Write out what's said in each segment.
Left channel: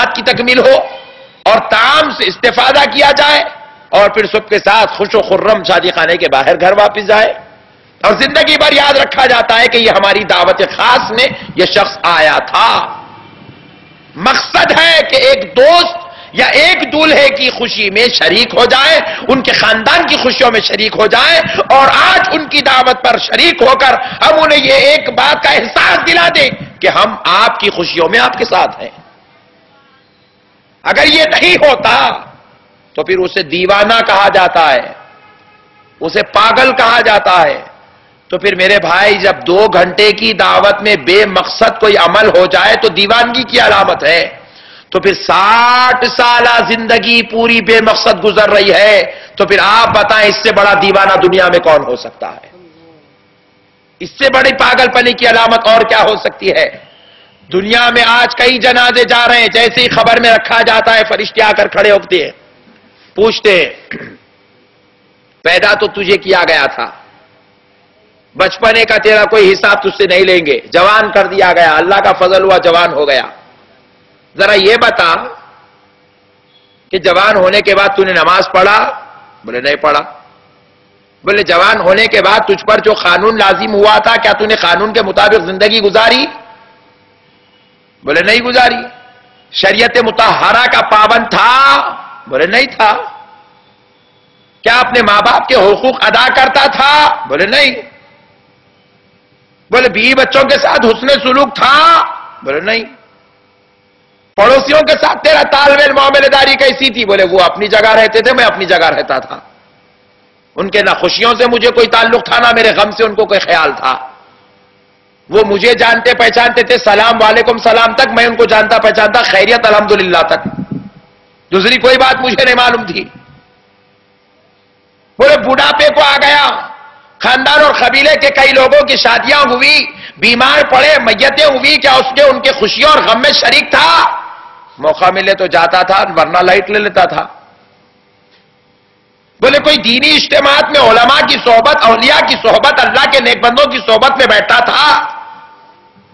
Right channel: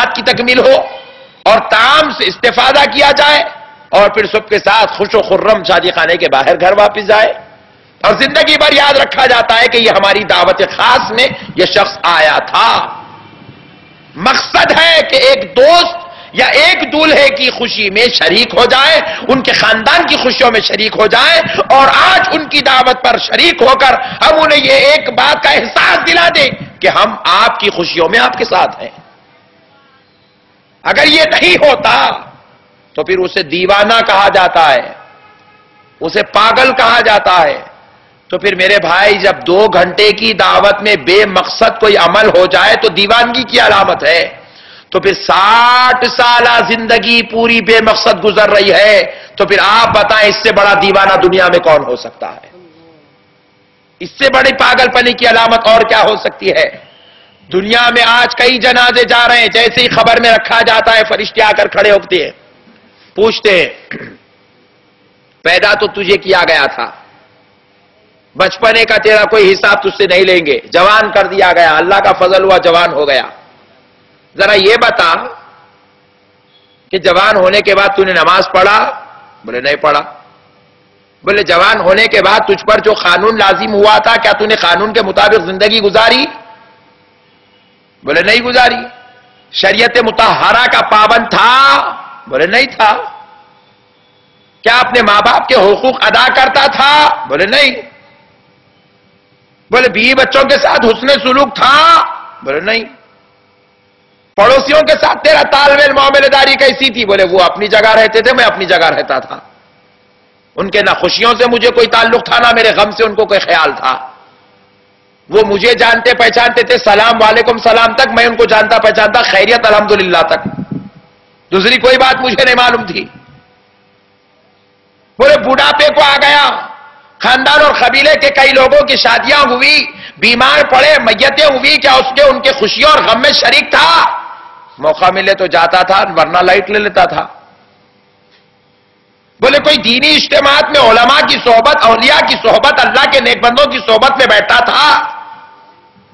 تعلقات کی تکمیل ہو اور طعام سے استفادہ کیا جائے اور پھر سب کے ساتھ خوش و خرم شادی خانے کے باہر گھر واپس جائے اور زندگی بھر یاد رکھا جاتا ہے کہ یہ ہماری دعوت خاص میں یہ شخص آیا تھا۔ مقصد ہے کہ ایک دوست یا ایک دولہے کی خوشی میں شریک ہو جائے، ان کے خاندان کی خوشیوں میں شریک ہو جائے اور آج ان کی دعوت پر شریک ہو کر ہم انہیں یہ ایک بات کا احساس دلا دیں کہ ہم آپ کی خوشیوں میں آپ کے ساتھ ہیں۔ اگر یہ نہیں ہوتا تو پھر اسے دیوانہ کہا جاتا ہے، اسے پاگل کہا جاتا ہے۔ تو پھر میرے بھائی جب 2 گھنٹے کی دعوت میں بے مقصد کوئی عمل ہو جائے تو دیوانگی کی علامت ہے، تو پھر 60 سالہ زندگی پوری بے مقصد گزر رہی ہے، تو پھر آپ بتائیں اس سے بڑا دیوانہ دنیا میں کون ہو سکتا ہے؟ اس سے بڑی پاگل پنی کی علامت اور کیا ہو سکتی ہے؟ دنیا میں آج کئی جنازے جا رہے ہیں، جیسے ہی خبر میں رکھا جاتا ہے فرشتے آ کر کھڑے ہوتے ہیں، پوچھتے ہیں پیدا تو تجھے کیا گیا تھا، بچپنے کا تیرا کوئی حساب تجھ سے نہیں لیں گے، جوان کر دیا گیا، اللہ کا فضل ہوا جوان ہو گیا، ذرا یہ بتا کہ جوان ہونے کے بعد تو نے نماز پڑھا؟ بولے نہیں پڑھا۔ بولے جوان ہونے کے بعد تجھ پر جو قانون لازم ہوا تھا کیا تو نے قانون کے مطابق زندگی گزاری؟ بولے نہیں گزاری۔ شریعت مطہرہ کا پابند تھا؟ بولے نہیں تھا۔ کیا اپنے ماں باپ کے حقوق ادا کرتا تھا؟ بولے نہیں۔ بولے بیوی بچوں کے ساتھ حسن سلوک تھا؟ بولے نہیں۔ پڑوسیوں کے ساتھ تیرا تال میل معاملہ داری کیسی تھی؟ بولے وہ اپنی جگہ رہتے تھے، میں اپنی جگہ رہتا تھا، ان کے نہ خوشیوں سے مجھے کوئی تعلق تھا نہ میرے غم سے ان کو کوئی خیال تھا، وہ مجھے جانتے پہچانتے تھے، سلام وعلیکم سلام تک میں ان کو جانتا پہچانتا، خیریت الحمدللہ تک، دوسری کوئی بات مجھے نہیں معلوم تھی۔ بولے بڑھاپے کو آ گیا، خاندان اور قبیلے کے کئی لوگوں کی شادیاں ہوئی، بیمار پڑے، میتیں ہوئی، کیا اس کے ان کے خوشیوں اور غم میں شریک تھا؟ موقع ملے تو جاتا تھا ورنہ لائٹ لے لیتا تھا۔ بولے کوئی دینی اجتماعات میں علماء کی صحبت، اولیاء کی صحبت، اللہ کے نیک بندوں کی صحبت میں بیٹھتا تھا؟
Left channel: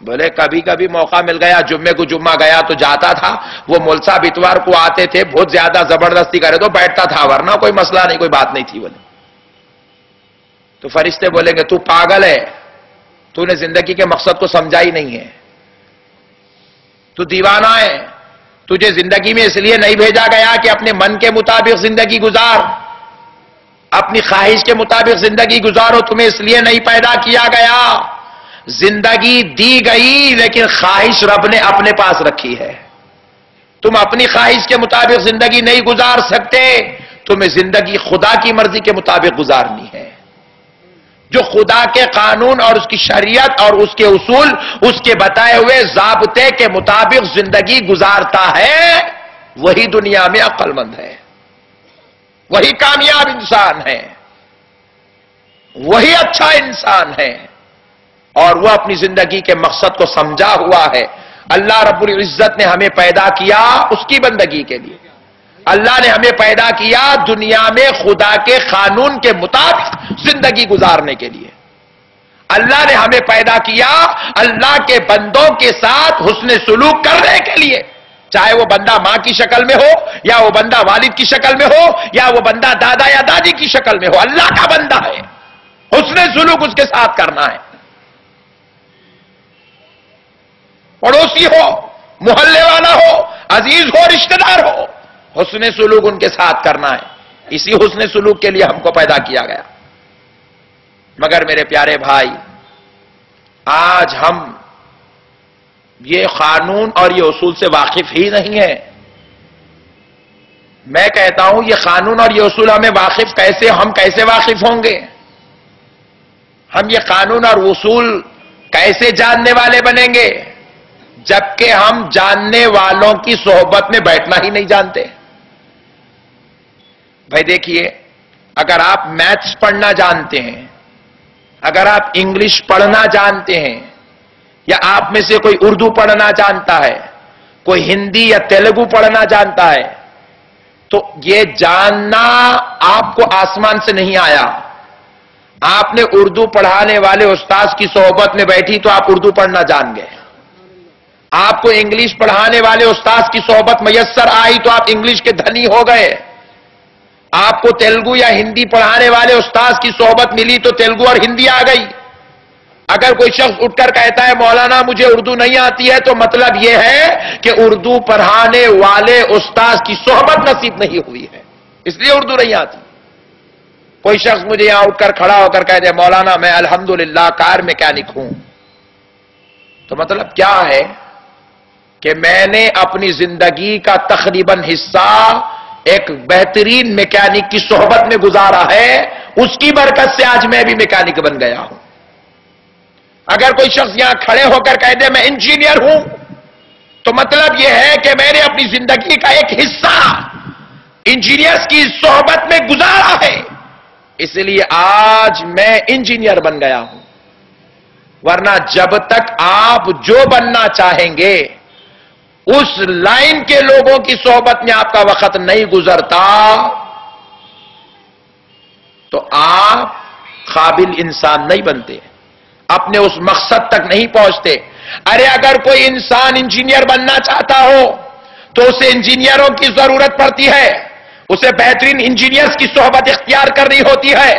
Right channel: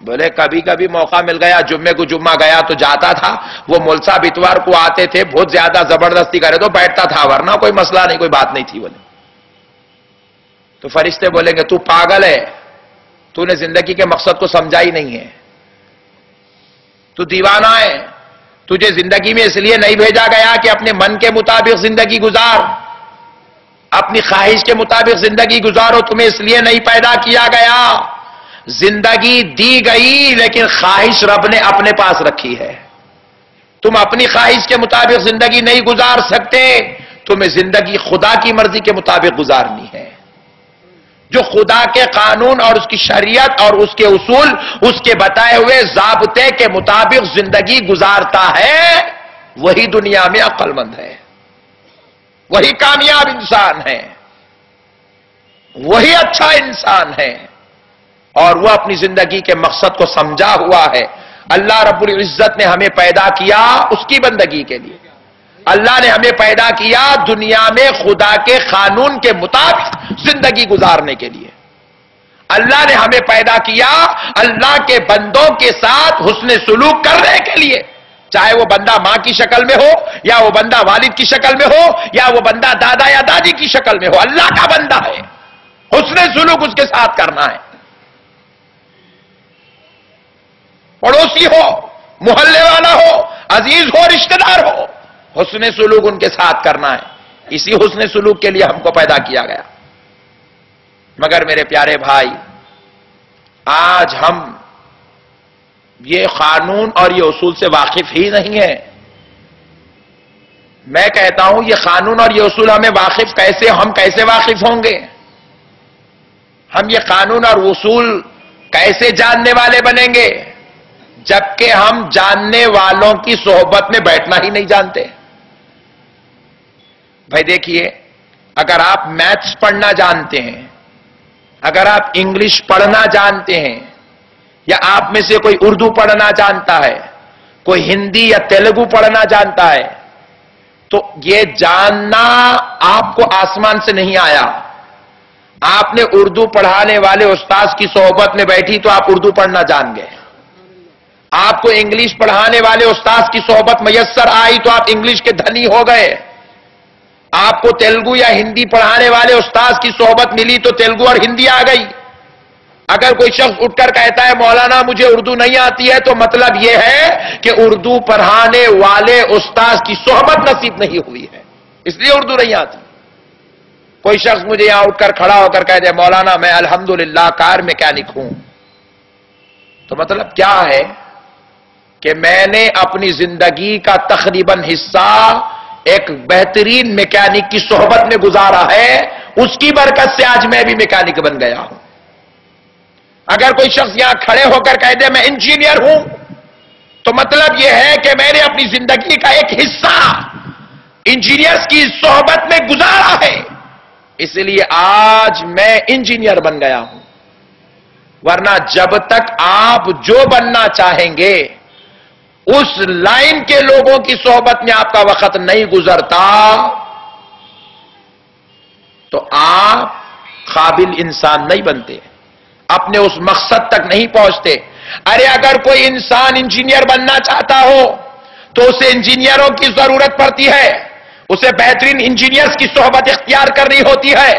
بولے کبھی کبھی موقع مل گیا، جمعے کو جمعہ گیا تو جاتا تھا، وہ ملسا اتوار کو آتے تھے، بہت زیادہ زبردستی کرے تو بیٹھتا تھا، ورنہ کوئی مسئلہ نہیں، کوئی بات نہیں تھی۔ بولے تو فرشتے بولیں گے تو پاگل ہے، تو نے زندگی کے مقصد کو سمجھا ہی نہیں ہے، تو دیوانہ ہے، تجھے زندگی میں اس لیے نہیں بھیجا گیا کہ اپنے من کے مطابق زندگی گزار، اپنی خواہش کے مطابق زندگی گزارو، تمہیں اس لیے نہیں پیدا کیا گیا۔ زندگی دی گئی لیکن خواہش رب نے اپنے پاس رکھی ہے، تم اپنی خواہش کے مطابق زندگی نہیں گزار سکتے، تمہیں زندگی خدا کی مرضی کے مطابق گزارنی ہے۔ جو خدا کے قانون اور اس کی شریعت اور اس کے اصول، اس کے بتائے ہوئے ضابطے کے مطابق زندگی گزارتا ہے، وہی دنیا میں عقل مند ہے، وہی کامیاب انسان ہے، وہی اچھا انسان ہے، اور وہ اپنی زندگی کے مقصد کو سمجھا ہوا ہے۔ اللہ رب العزت نے ہمیں پیدا کیا اس کی بندگی کے لیے، اللہ نے ہمیں پیدا کیا دنیا میں خدا کے قانون کے مطابق زندگی گزارنے کے لیے، اللہ نے ہمیں پیدا کیا اللہ کے بندوں کے ساتھ حسن سلوک کرنے کے لیے، چاہے وہ بندہ ماں کی شکل میں ہو یا وہ بندہ والد کی شکل میں ہو یا وہ بندہ دادا یا دادی کی شکل میں ہو، اللہ کا بندہ ہے، حسن سلوک اس کے ساتھ کرنا ہے، پڑوسی ہو، محلے والا ہو، عزیز ہو، رشتہ دار ہو، حسن سلوک ان کے ساتھ کرنا ہے، اسی حسن سلوک کے لیے ہم کو پیدا کیا گیا۔ مگر میرے پیارے بھائی، آج ہم یہ قانون اور یہ اصول سے واقف ہی نہیں ہیں۔ میں کہتا ہوں یہ قانون اور یہ اصول ہمیں واقف کیسے، ہم کیسے واقف ہوں گے؟ ہم یہ قانون اور اصول کیسے جاننے والے بنیں گے جبکہ ہم جاننے والوں کی صحبت میں بیٹھنا ہی نہیں جانتے؟ بھائی دیکھیے، اگر آپ میتھس پڑھنا جانتے ہیں، اگر آپ انگلش پڑھنا جانتے ہیں، یا آپ میں سے کوئی اردو پڑھنا جانتا ہے، کوئی ہندی یا تیلگو پڑھنا جانتا ہے، تو یہ جاننا آپ کو آسمان سے نہیں آیا۔ آپ نے اردو پڑھانے والے استاذ کی صحبت میں بیٹھی تو آپ اردو پڑھنا جان گئے، آپ کو انگلش پڑھانے والے استاذ کی صحبت میسر آئی تو آپ انگلش کے دھنی ہو گئے. آپ کو تیلگو یا ہندی پڑھانے والے استاذ کی صحبت ملی تو تیلگو اور ہندی آ گئی. اگر کوئی شخص اٹھ کر کہتا ہے مولانا مجھے اردو نہیں آتی ہے، تو مطلب یہ ہے کہ اردو پڑھانے والے استاذ کی صحبت نصیب نہیں ہوئی ہے، اس لیے اردو نہیں آتی. کوئی شخص مجھے یہاں اٹھ کر کھڑا ہو کر کہہ دے مولانا میں الحمدللہ کار میکینک ہوں، تو مطلب کیا ہے کہ میں نے اپنی زندگی کا تقریباً حصہ ایک بہترین میکینک کی صحبت میں گزارا ہے، اس کی برکت سے آج میں بھی میکینک بن گیا ہوں. اگر کوئی شخص یہاں کھڑے ہو کر کہہ دے میں انجینئر ہوں، تو مطلب یہ ہے کہ میں نے اپنی زندگی کا ایک حصہ انجینئرز کی صحبت میں گزارا ہے، اس لیے آج میں انجینئر بن گیا ہوں. ورنہ جب تک آپ جو بننا چاہیں گے اس لائن کے لوگوں کی صحبت میں آپ کا وقت نہیں گزرتا تو آپ قابل انسان نہیں بنتے، اپنے اس مقصد تک نہیں پہنچتے. ارے اگر کوئی انسان انجینئر بننا چاہتا ہو تو اسے انجینئروں کی ضرورت پڑتی ہے، اسے بہترین انجینئرز کی صحبت اختیار کرنی ہوتی ہے.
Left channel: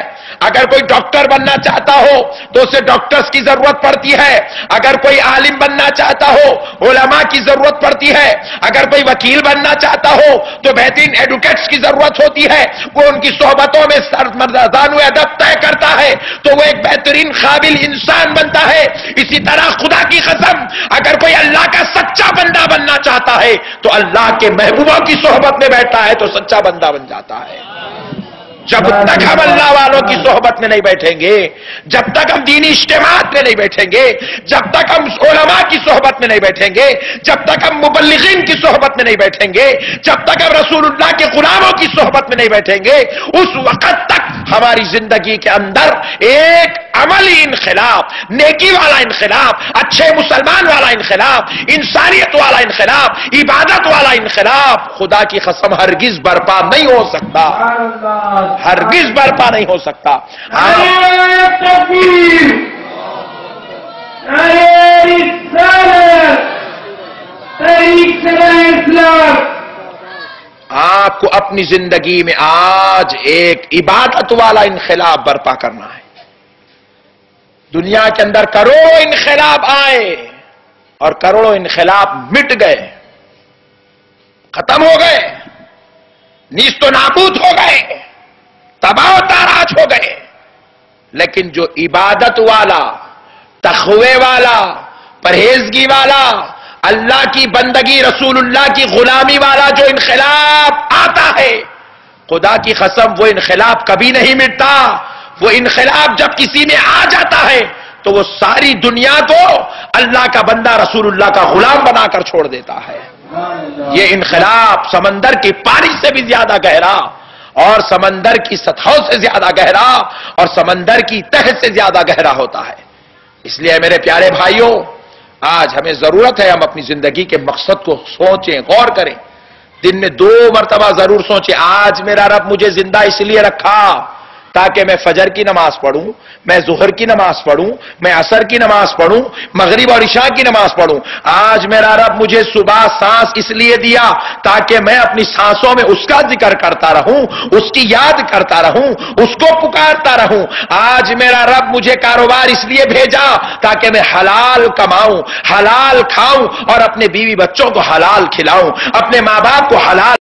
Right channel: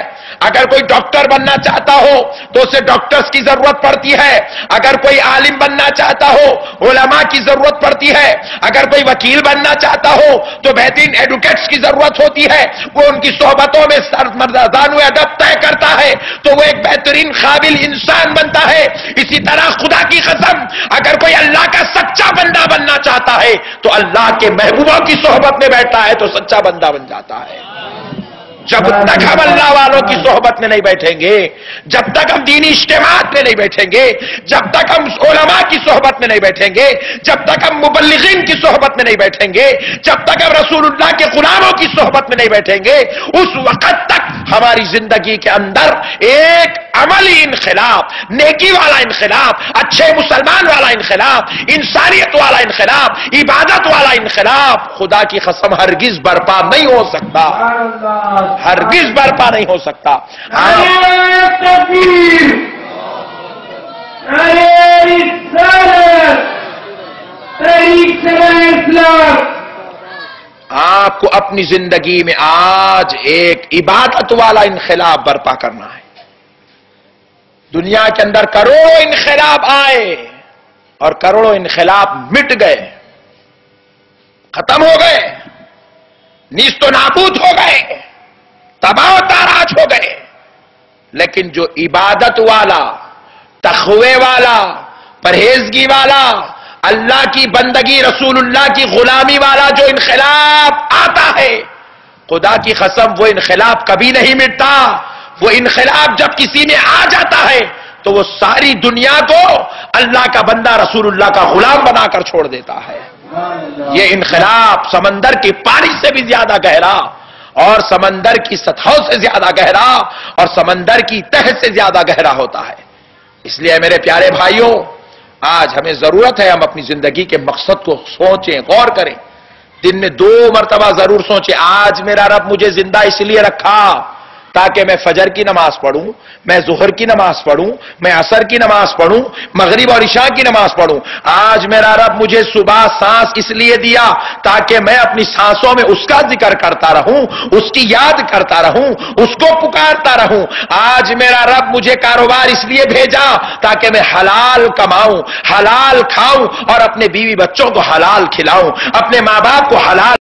اگر کوئی ڈاکٹر بننا چاہتا ہو تو اسے ڈاکٹرز کی ضرورت پڑتی ہے. اگر کوئی عالم بننا چاہتا ہو علماء کی ضرورت پڑتی ہے. اگر کوئی وکیل بننا چاہتا ہو تو بہترین ایڈوکیٹس کی ضرورت ہوتی ہے. وہ ان کی صحبتوں میں سرمردان و ادب طے کرتا ہے تو وہ ایک بہترین قابل انسان بنتا ہے. اسی طرح خدا کی قسم اگر کوئی اللہ کا سچا بندہ بننا چاہتا ہے تو اللہ کے محبوبوں کی صحبت میں بیٹھتا ہے تو سچا بندہ بن جاتا ہے. جب تک ہم اللہ والوں کی صحبت میں نہیں بیٹھیں گے، جب تک ہم دینی اجتماعات میں نہیں بیٹھیں گے، جب تک ہم علماء کی صحبت میں نہیں بیٹھیں گے، جب تک ہم مبلغین کی صحبت میں نہیں بیٹھیں گے، جب تک ہم رسول اللہ کے غلاموں کی صحبت میں نہیں بیٹھیں گے، اس وقت تک ہماری زندگی کے اندر ایک عملی انقلاب، نیکی والا انقلاب، اچھے مسلمان والا انقلاب، انسانیت والا انقلاب، عبادت والا انقلاب خدا کی قسم ہرگز برپا نہیں ہو سکتا، ہرگز برپا نہیں ہو سکتا. آپ کو اپنی زندگی میں آج ایک عبادت والا انقلاب برپا کرنا ہے. دنیا کے اندر کروڑوں انقلاب آئے اور کروڑوں انقلاب مٹ گئے، ختم ہو گئے، نیست و نابود ہو گئے، تباہ و تاراج ہو گئے. لیکن جو عبادت والا، تقوی والا، پرہیزگی والا، اللہ کی بندگی، رسول اللہ کی غلامی والا جو انقلاب آتا ہے، خدا کی قسم وہ انقلاب کبھی نہیں مٹتا. وہ انقلاب جب کسی میں آ جاتا ہے تو وہ ساری دنیا کو اللہ کا بندہ، رسول اللہ کا غلام بنا کر چھوڑ دیتا ہے. یہ انقلاب سمندر کے پانی سے بھی زیادہ گہرا اور سمندر کی سطحوں سے زیادہ گہرا اور سمندر کی تہ سے زیادہ گہرا ہوتا ہے. اس لیے میرے پیارے بھائیوں، آج ہمیں ضرورت ہے ہم اپنی زندگی کے مقصد کو سوچیں، غور کریں. دن میں 2 مرتبہ ضرور سوچیں آج میرا رب مجھے زندہ اس لیے رکھا تاکہ میں فجر کی نماز پڑھوں، میں ظہر کی نماز پڑھوں، میں عصر کی نماز پڑھوں، مغرب اور عشاء کی نماز پڑھوں. آج میرا رب مجھے صبح سانس اس لیے دیا تاکہ میں اپنی سانسوں میں اس کا ذکر کرتا رہوں، اس کی یاد کرتا رہوں، اس کو پکارتا رہوں. آج میرا رب مجھے کاروبار اس لیے بھیجا تاکہ میں حلال کماؤں، حلال کھاؤں اور اپنے بیوی بچوں کو حلال کھلاؤں، اپنے ماں باپ کو حلال